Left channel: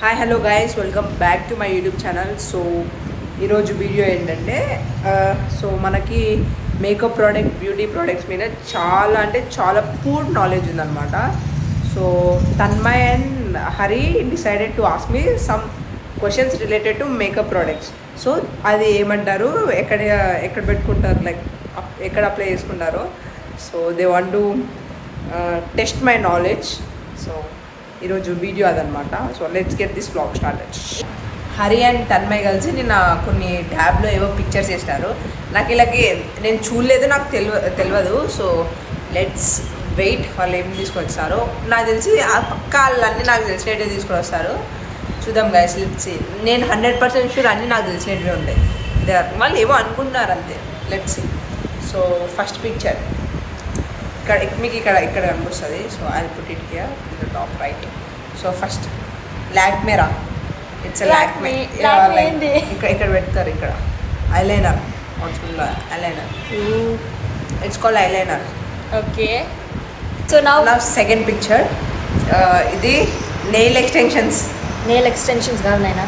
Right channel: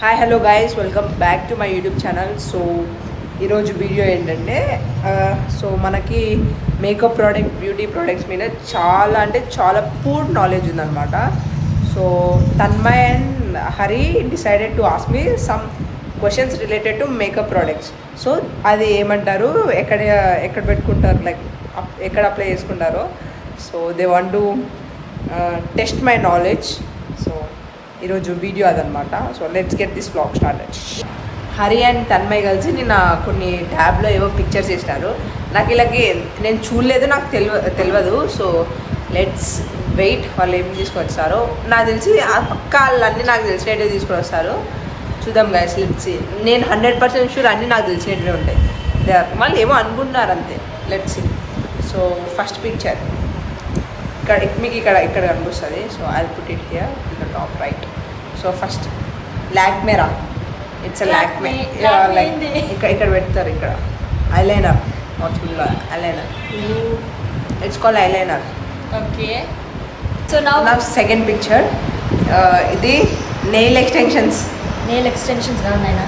Hi hello guys, welcome back to my YouTube channel. So ఈరోజు వీడియో ఏంటంటే సో మనకి makeup product, beauty products మీద చాలా అంటే చాలా పూర్ నాలెడ్జ్ ఉందన్నమాట. సో తన్మయ్ అండ్ Hari decided to ask me some questions related to make up products. So అది ఏమంటారు, ఎక్కడ పెట్టుకుంటారు, లైక్ ఎక్కడ అప్లై చేసుకుంటారో. So they want to test my knowledge. So ఈరోజు వీడియో అదనమాట. So let's get this vlog started. Hari అండ్ తన్మయ్ కలిసి నిన్న కొన్ని ట్యాబ్లో ఏవో పిక్చర్స్ చేసినారు. నాకు ఇలాగే నేను చూడలేదు, నాకు తెలియదు. సో లెట్స్ వెయిట్, వాళ్ళు ఏం తీసుకొచ్చారో. నాకు తెలిసి ఆ పక్క వాళ్ళన్నీ నాకు తెలిసినట్టే తీసుకొని వస్తారు. చూద్దాం గైస్, లెట్స్. నేను 100% షూర్ అన్నీ నాకు తెలిసినట్టే ఉంటాయి. వాళ్ళు ఏమో అనుకుంటున్నారు అంతే. లెట్స్. సో ఫస్ట్ పిక్చర్ ఇక్కడ మీకు ఇక్కడ కనిపిస్తుంది. So I put it here in the top right. So first లాక్మేరా, ఇట్స్ ఎ లాక్మే. లైక్ ఇక్కడ పెడతారు, ఇక్కడ eyeliner, eyeliner. It's called eyeliner. Okay. So నా సెకండ్ పిక్చర్, ఇది నెయిల్ ఎక్స్టెన్షన్స్. నెయిల్ ఎక్స్టెన్షన్స్ కావాలైనా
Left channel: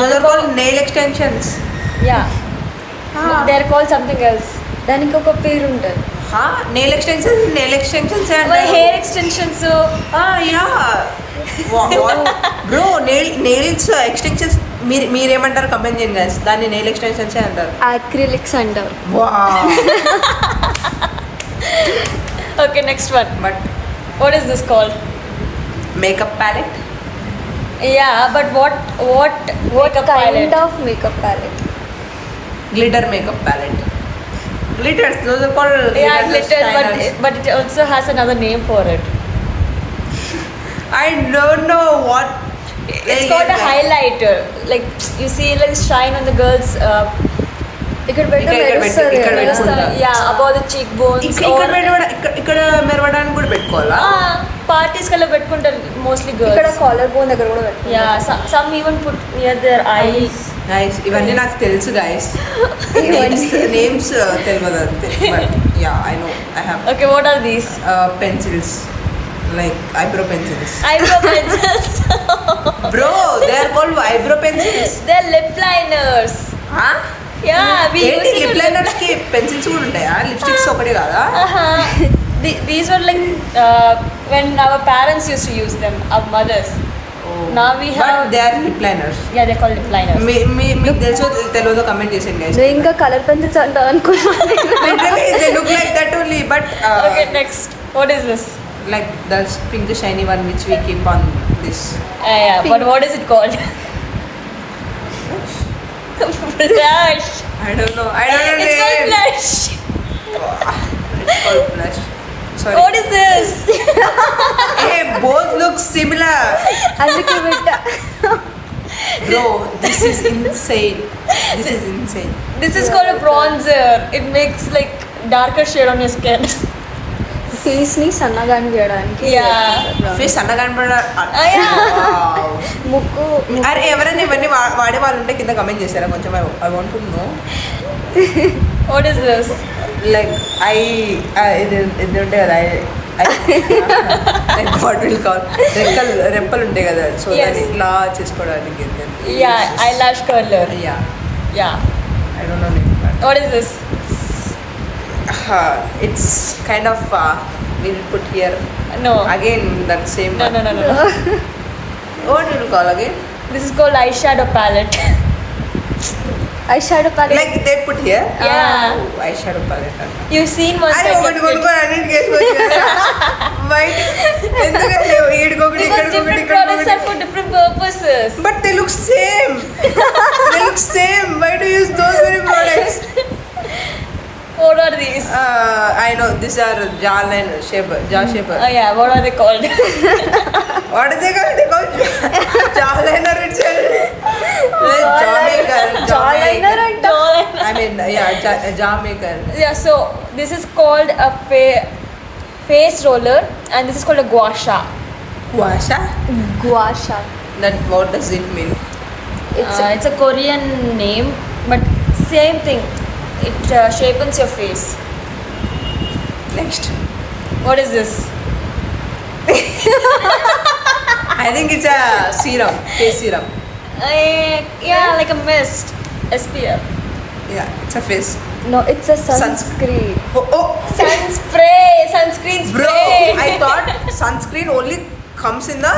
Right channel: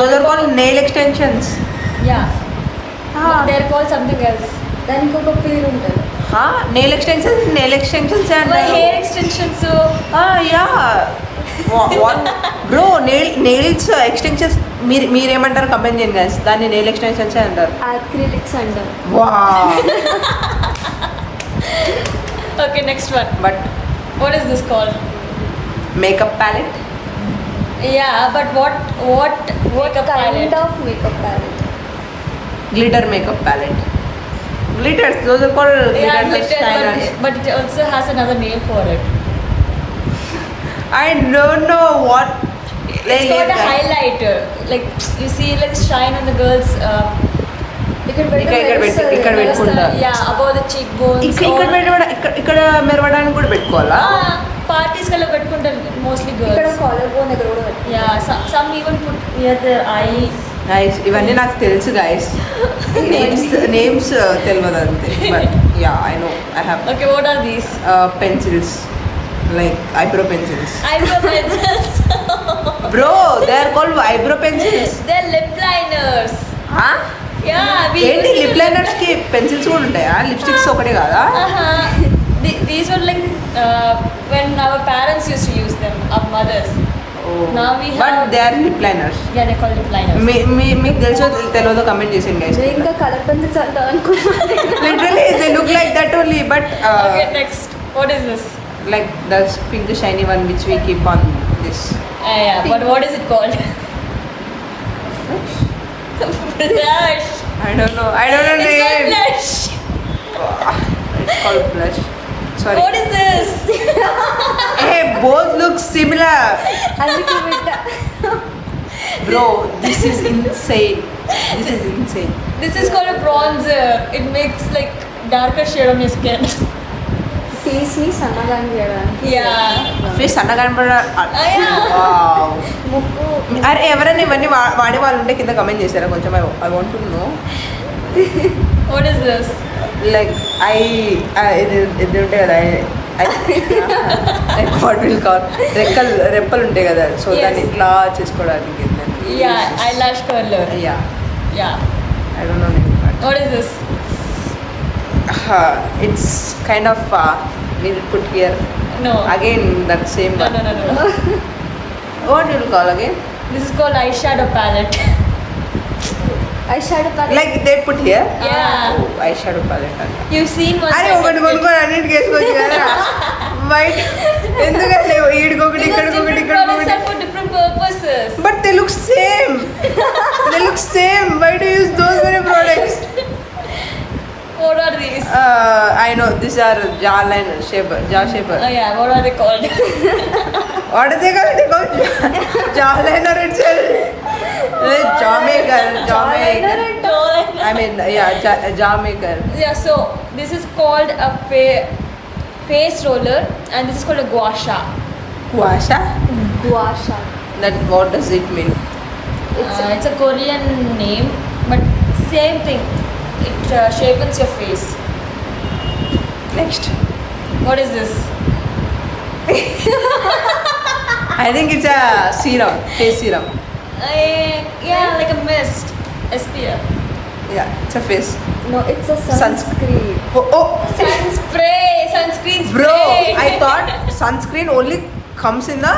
those are called nail extensions. Yeah, they are called something else. దానికి ఒక పేరు ఉంటుంది. నెయిల్ ఎక్స్టెన్షన్స్ అంటారు. Hair extensions. Yeah bro, nails extensions మీరేమంటారు comment చేయండి గైస్. దాన్ని నెయిల్ ఎక్స్టెన్షన్స్ అంటారు. అక్రిలిక్స్ అంటాం. Okay, next one. But what is this called? Makeup palette. Yeah, but what kind of makeup palette? Glitter makeup palette. Glitters, those are called glitter shiners. But it also has another name for it. I don't know what. It's called a highlighter. Like you see, like shine on the girls. ఇక్కడ పెట్టుకుంటా. Yeah, above the cheekbones. ఇక్కడ మెరవడానికి కూడా పెట్టుకోవాలా? Parties కల్లా పెట్టుకుంటారు mostly girls. ఇక్కడ collar bone దగ్గర కూడా పెట్టుకుంటారు. యా, some even put near their eyes. Guys ఇవన్నీ నాకు తెలుసు గైస్. నేమ్స్ తెలియదు అంతే. But yeah, I know, I have. Okay, what are these? Pencils, like eyebrow pencils. Eyebrow pencils. Bro, they are called eyebrow pencils. They're lip liners. Yeah, ఏంటి, lip liners కి pencils కూడా ఉంటాయా? లిప్స్టిక్స్ ఒకటే కాదా? These were like when our parents used to use them, our mothers. Now we have. But they are lip liners. Yeah, they're called lip liners. మీకు తెలుసో తెలియదో కమెంట్ చేసేయండి గైస్. ఇంకా కలర్ పెన్సిల్స్ అంటాం అనుకున్నాను. Literally they look like that only, but okay, next. What is this? Like the pink shiny one which we keep on this. Yeah, but what is it called? Blush. I don't know It's name. called blush. It's called blush. Sorry. What is this? Hey, both look similar. అందుకే బిడ్డ. Bro, this is insane. This is called a bronzer. It makes like darker shade on your skin. Face ని సన్నగా చేయడానికి. Yeah. Face సన్నగా ముక్కు. అరే ఎవరైనా ఇవన్నీ వాడే వాళ్ళు ఉంటే కింద కమెంట్ చేశారా కొంచెం? I want to know. What is this? Like ఇది ఉంటాయి కదా, వాట్ విల్ కాల్, రెప్పలు ఉంటాయి కదా. So Yes. దాన్ని ఇట్లా చేసుకోవడానికి. Yeah, eyelash curler. Yeah. I don't know name, but What is this? It's kind of will put here No. Again that same No. What will call again? This is called eyeshadow palette. Eye shadow palette. Like they put here. Yeah. Eye shadow palette అంట. You've seen one. అరే ఒకటి కొనుక్కొని అన్నింటికి వేసుకోవచ్చు కదా. వైట్ ఎందుకంటే ఈడికొకటి, ఇక్కడికొకటి, ఇక్కడికొకటి. For different purposes. But they look same. Why do you use those many products? What are these? I know these are jaw shaper. Oh yeah, what are they called? What are they called? They called jaw liner itself. Jaw maker. I mean, yeah, jaw maker. Yeah, so this is called a face roller and this is called a gua sha. Guasha? గువాషా. That what does it mean? It's a Korean name, but same thing. It shapens your face. Next. What is this? I think it's a serum, face serum. Yeah, like a mist. SPF. Yeah, it's a face. No, it's a sunscreen. Oh, Sunscreen spray. bro, I thought sunscreen only comes in the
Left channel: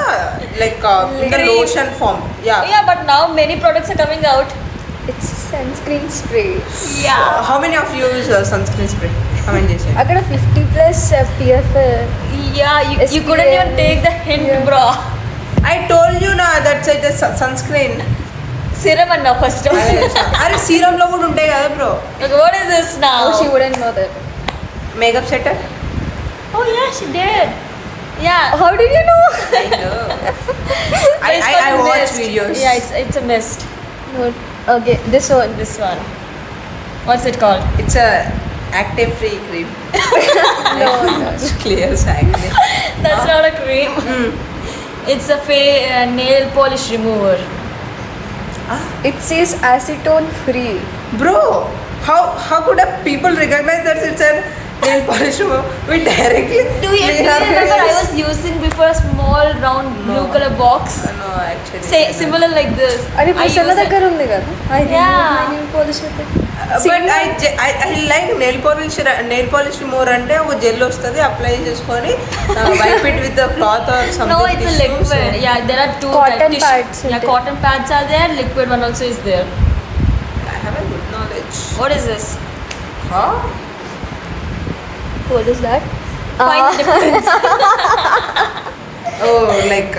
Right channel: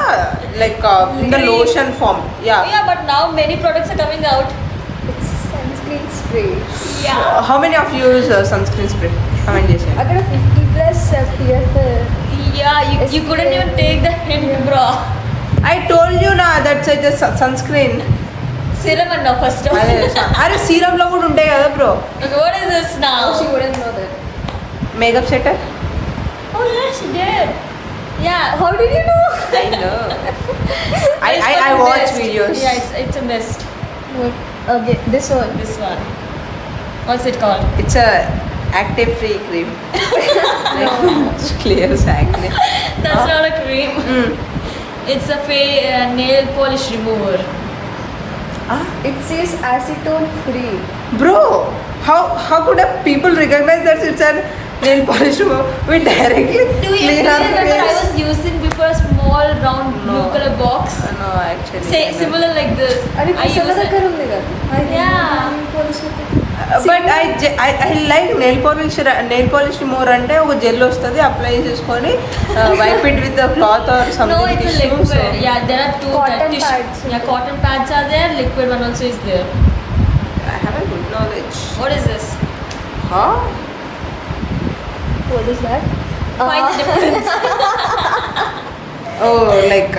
in the lotion form. Yeah. Yeah, but now many products are coming out. It's sunscreen spray. Yeah. How many of you use sunscreen spray? Comment చేసేయండి. అక్కడ 50+ SPF. Yeah, you couldn't even take the hint, bro. I told you na that's like the sunscreen. Serum and now first of అరే సీరం లో కూడా ఉంటాయి కదా bro. Like, what is this now? Oh, she wouldn't know that. Makeup setter. Oh yeah, she did. Yeah. How did you know? I know. It's I called watch mist. videos. Yeah, it's a mist. Okay, this one. This one. What's it called? It's a active free cream. Like clears acne. That's not a cream. It's a nail polish remover. It says acetone free. Bro, how could people recognize that it's a nail polish remover? We directly Do you clean our remember I face. was using before a small round blue No. color box? No, actually. Say I know. similar like this. అది I పిసల use it- దగ్గర ఉంది కదా. I Yeah. But I like nail polish remover అంటే ఒక జెల్ వస్తుంది apply చేసుకొని wipe it with the cloth or No, something it's a tissue liquid. So Yeah, there are two Cotton tissue- pads. Yeah, cotton pads are there. Liquid one also is there. I have a good knowledge. What is this? Huh? What is that? Find the difference. Oh, like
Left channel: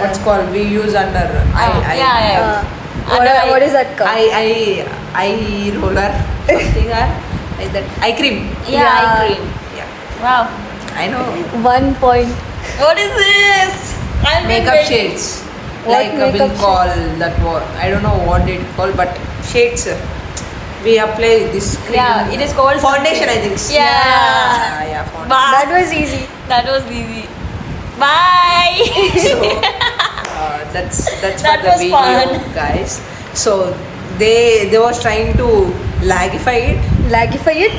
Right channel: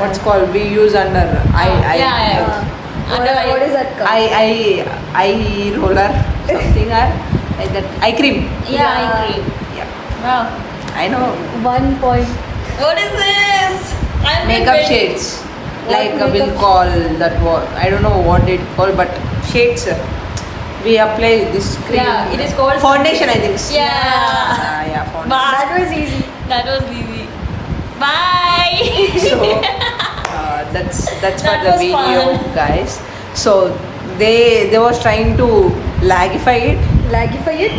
what's called we use under Yeah. What is that called? eye roller something or like that eye cream. Yeah, eye cream. Yeah, Wow. I know. 1 point. What is this? I'm Makeup waiting. shades. What Like we'll makeup call that word. I don't know what it called, but shades. We apply this cream. Yeah, it is called foundation, I think. Yeah. Yeah, foundation. Wow. That was easy. That was easy. Bye. So that's That for the was video, fun. guys. So they was trying to lagify it. Lagify it.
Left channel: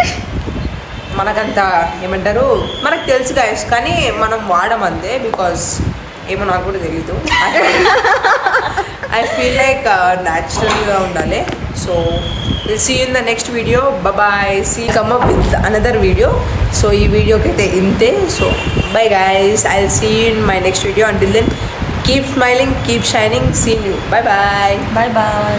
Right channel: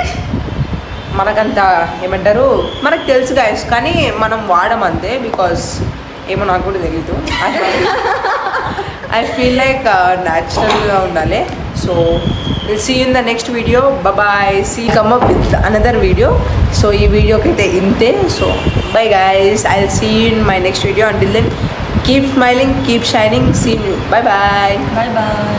మనకంత ఏమంటారు మనకు తెలుసు గాయస్ కానీ మనం వాడడం అంతే బికాస్ ఏమో నాకు కూడా తెలీదు ఐ ఫీల్ లైక్ న్యాచురల్గా ఉండాలి so will see in the next video bye see come up with another video so ఈ వీడియోకి అయితే ఇంతే so bye guys I will see in my next video until then keep smiling keep shining see you bye bye Bye bye.